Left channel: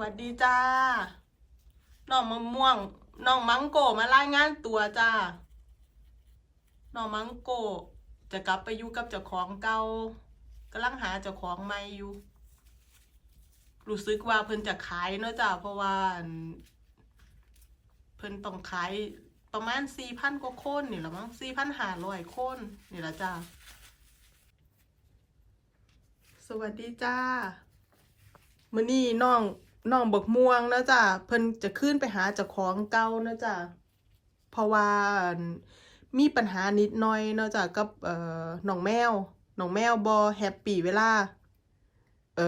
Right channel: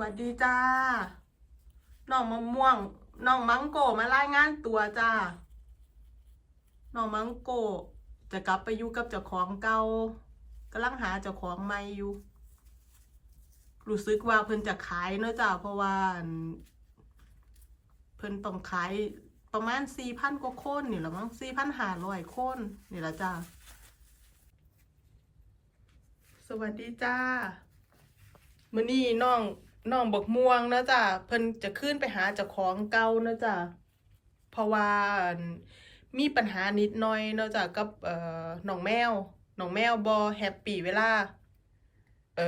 วัสดีจ้า น้องมะม่วง น้องมังโกมารายงานตัวจ้า น้องมังโกจะกลับไปอยู่กับเจ้าของเก่ากำลังหาเจ้าของใหม่อยู่ รู้สึกว่าเพิ่นจะขายเนาะจ้า เพราะว่า เพิ่นต้องขายประมาณสี่พันกว่าคนนี่แหละมั้งสี่พันห้าร้อยคนนี่ละจ้า สวัสดีจ้ามื้อนี้น้อง น้องบกม่วงนะจ้ะเพิ่นจะขึ้นไปหาเจ้าของเก่านะจ้ะเพราะว่ามีปัญหานิดหน่อยนะจ้ะกับเอ่อน้องแมวน้องแมวบ่แฮปปี้เวลาเอ่อ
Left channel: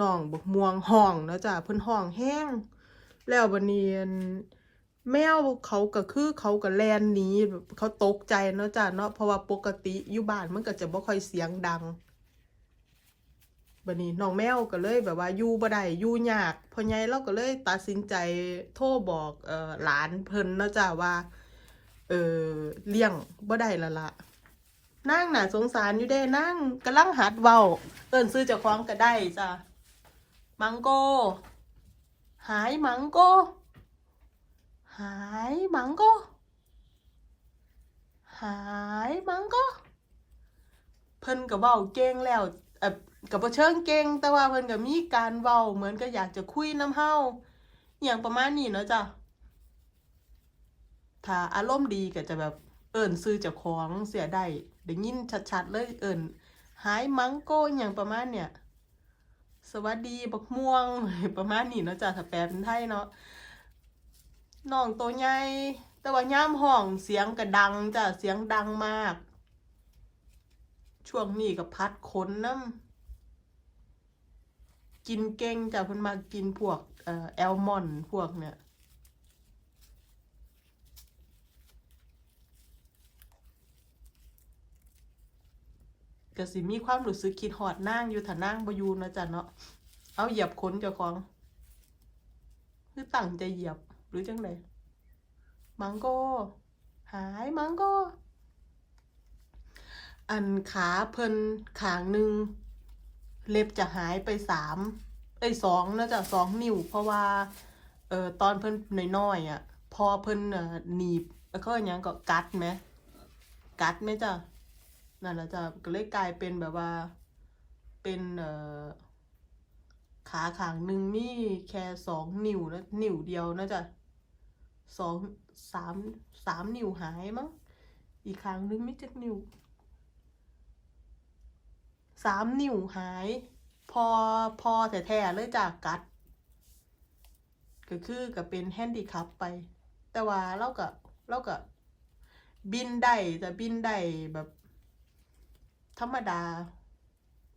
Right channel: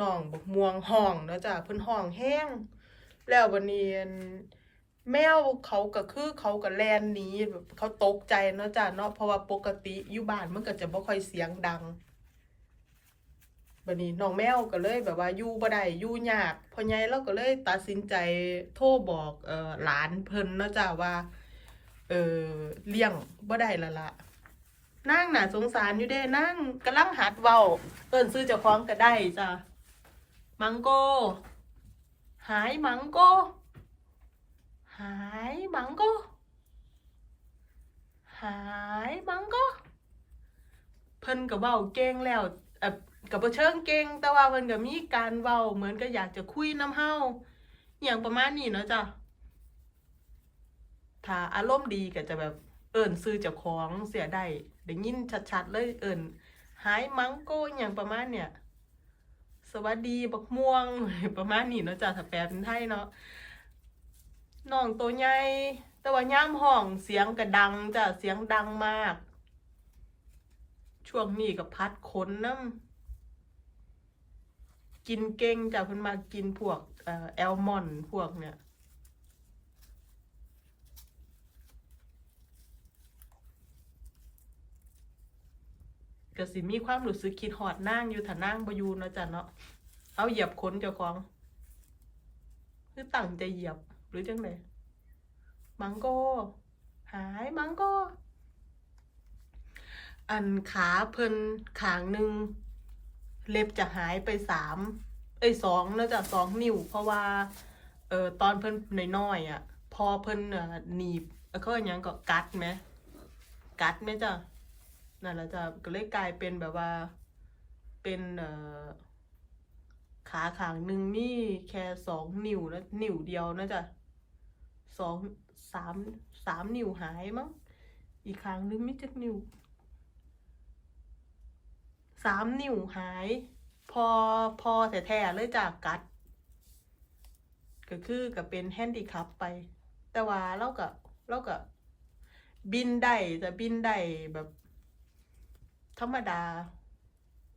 น้องบกม่วงห้องนะจ้ะเพิ่นห้องแห้ง แล้ววันนี้อั่นแมวเขาก็คือเขาก็แลนหนีแบบเขาตกใจเนาะจ้ะเนาะเพราะว่าปกติอยู่บ้านมันก็จะบ่ค่อยเสียงดัง บัดนี้น้องแมวก็เลยแบบว่าอยู่บ่ได้อยู่ยากพ่อใหญ่เราก็เลยตัดสินใจโทรบอกเอ่อหลานเพิ่นเนาะจ้าว่า เออเลี้ยงบ่ได้ละละนั่งน่ะสงสารอยู่เด้นั่งกำลังหัดเว้าเอิ้นซื้อเจ้าของก็ได้จ้ามังโก หายมังโก หายมังโก หายมังโก เพิ่นก็เว้าเก่งแล้ว กับเชิงเก่งแต่ว่าเพิ่นก็มีการเว้าเหมือนกับอยากจะคุยน้ำเฮาอย่างประมาณนี้เนาะจ้ะถ้าอารมณ์ดีก็จะแบบเอิ้นซื้อเจ้าของเสียได้ได้ยินชัดๆเลยเอิ้นหายมังโกอย่างประมาณเนี่ย สวัสดีบักม่วงประมาณนี้เนาะจ้ะถ้าแปลเป็นไทยเนาะน้องตัวใหญ่แต่ว่าย่ามห้องเสียงก็ดังจ้ะเสียงดังมาก ช่วงนี้ก็พัดขนน้ำกินเก่งจ้ะเพิ่นมากินพวกแอลมอนด์พวกเนี่ยก็สิมีความรู้สึกคิดฮอดนางอยู่ถ้านางบยู่เนะจ้ะเนาะ เอาเหยียบขนเจ้าของคือตั้งใจเหยียบหรือจังไดมังโกหายมังโก อันขาเพิ่นขางหนึ่งเล็บจะหายไปสามเอ้สองเนื่องจากสองนิ้ว เพราะว่าเอ่อตอนเพิ่นน้อยๆอะ พอเพิ่นเอ่อหนีบเอ้ยเขาว่าหยังก็กัดไหมกัดไหมจ้ะนั่นแหละจ้ะก็เลยกลายเป็นแบบว่า เป็นเอ่อขาขางหนึ่งมีแค่สองนิ้วแล้วนิ้วเดียวนะจ๊ะสองสามสามนิ้วหายมั้งอีกขางหนึงไม่จักนิ้ว สามนิ้วหาย พอพอแท้ๆเลยจากกัด ก็คือก็เป็นแฮนดิคัพไป แต่ว่าเราก็เราก็บินได้แต่บินได้แบบ ธรรมดา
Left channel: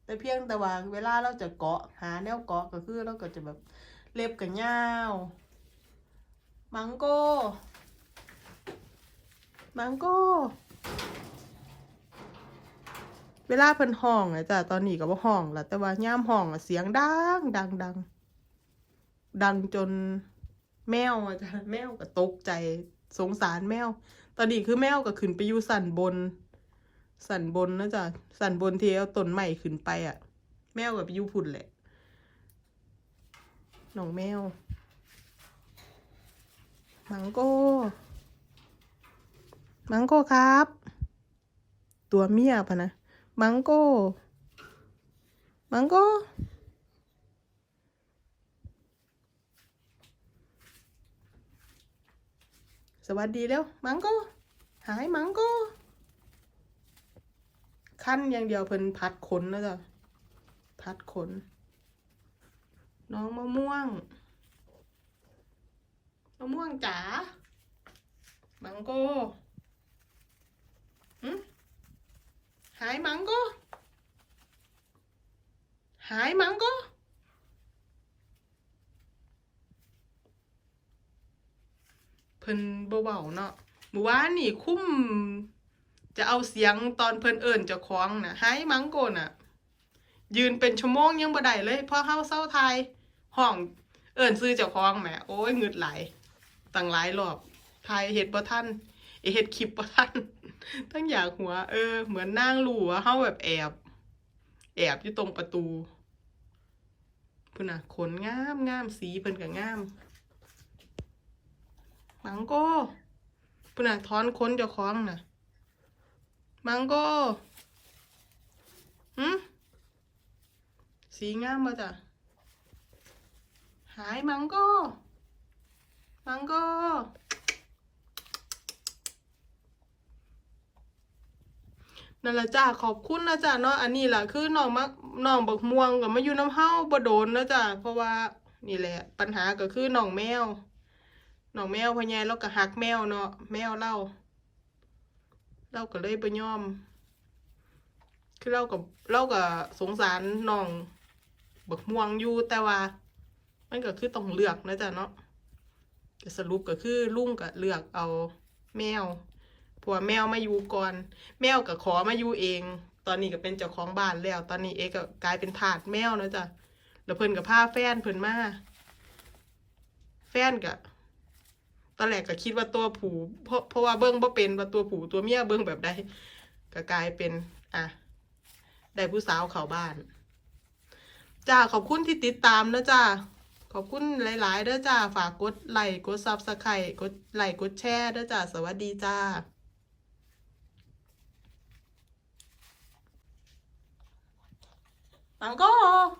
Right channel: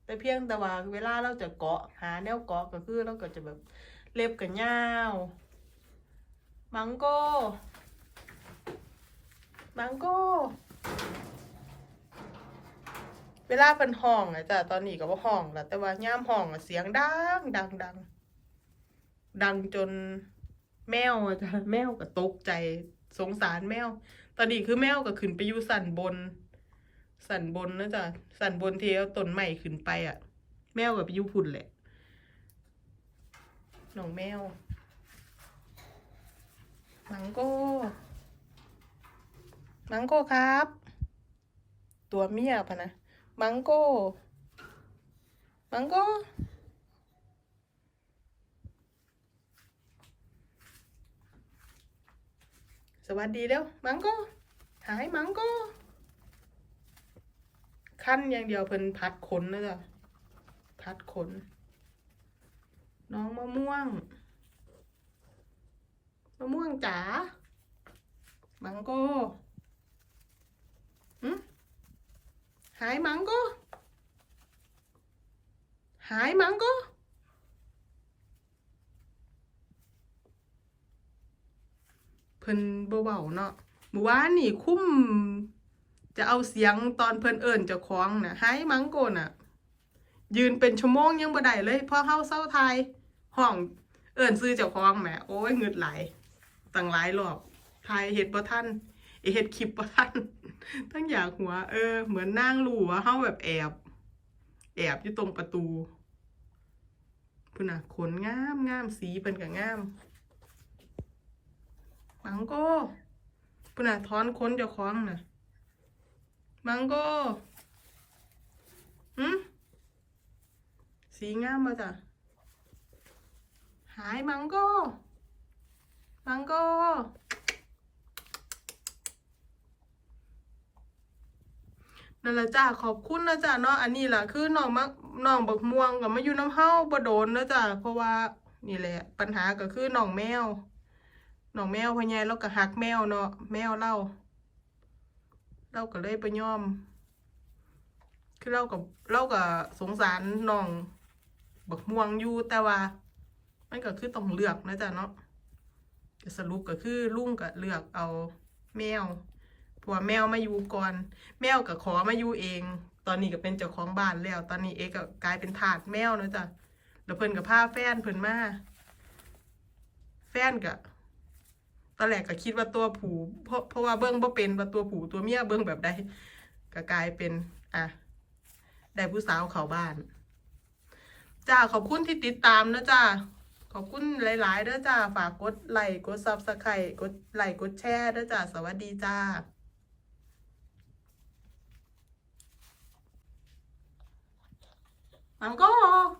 แต่เพียงแต่ว่าเวลาเราจะเกาะหาแนวเกาะก็คือเราก็จะแบบเล็บกับยาวมังโก้ มังโก้ เวลาเพิ่นห้องอะจ้ะตอนนี้ก็บ่ห้องละแต่ว่าย่ามห้องอะเสียงดังดังดังดังจนแมวจ้ะแมวก็ตกใจสงสารแมว ตอนนี้คือแมวก็ขึ้นไปอยู่สันบน สันบนนะจ๊ะสันบนที่เอาต้นใหม่ขึ้นไปอะแมวกับไปอยู่พุ่นแหละน้องแมวมังโก้มังโก้ครับ ตัวเมียพะนะ มังโก้มังโก้สวัสดีเร็วมังโก้หายมังโก้ขั้นอย่างเดียวเพิ่นพัดขนนะจ๊ะพัดขน น้องมะม่วงมะม่วงจ๋ามังโก้หึ หายมังโก็ หายมังโก็ เพิ่นบ่เว้าเนาะเมื่อวานนี่คุ้ม จะเอาเสียงตอนเพิ่นเอิ้นเจ้าของน่ะหายมังโกน่ะ ยืนเป็นชั่วโมงยังบ่ได้เลยพอเฮาเซาไทยห้องเอิ้นซื้อเจ้าของแหมโอ้ยเงึดหลตั้งหลายรอบทยเฮ็ดบ่ทัน เอยเฮ็ดคลิปบ่ทันตั้งอยากหัว เออ เหมือนนั่งรู้ว่าเฮาแบบแอบ แอบอยู่ตรงประตูพุ่นน่ะขนงามงามสีเพิ่นก็งามมังโก้พุ่นน่ะถอนขนเจ้าของน่ะมังโก้หืมสีงามมาจ้ะหายมังโก้มังโก นั่นแหละจ้าขอบคุณนะจ้าเนาะอันนี้แหละคือน้องมักน้องบักม่วงกับมาอยู่น้ำเฮาบ่โดนนะจ้าเพราะว่านี่แหละ ปัญหาก็คือน้องแมวน้องแมวพ่อใหญ่เราก็หักแมวเนาะแมวเล่าเราก็เลยไปย่อม คือเรากับเราก็สงสารน้องบักม่วงอยู่แต่ว่า มันก็คือต้องเลือกนะจ๊ะเนาะสรุปก็คือลุงก็เลือกเอาแมว พราะว่าแมวมาอยู่ก่อน แมวก็ขอมาอยู่เอง ตอนนี้ก็เป็นเจ้าของบ้านแล้ว ตอนนี้เอกก็กลายเป็นทาสแมวแล้วจ้ะแล้วเพิ่นก็พาแฟนเพิ่นมาแฟนก็ตอนแรกก็คิดว่าตัวผูเพราะเพราะว่าเบิ้งบ่เป็นว่าตัวผูตัวเมียเบิ้งแบบใดก็กลายเป็นอะได้ผู้สาวเข้าบ้านจ้าขอบคุณที่ติดตามนะจ้าขอบคุณหลายๆเด้อจ้าฝากกดไลค์กดซับสไครต์กดไลค์กดแชร์เด้อจ้าสวัสดีจ้า I'm gone.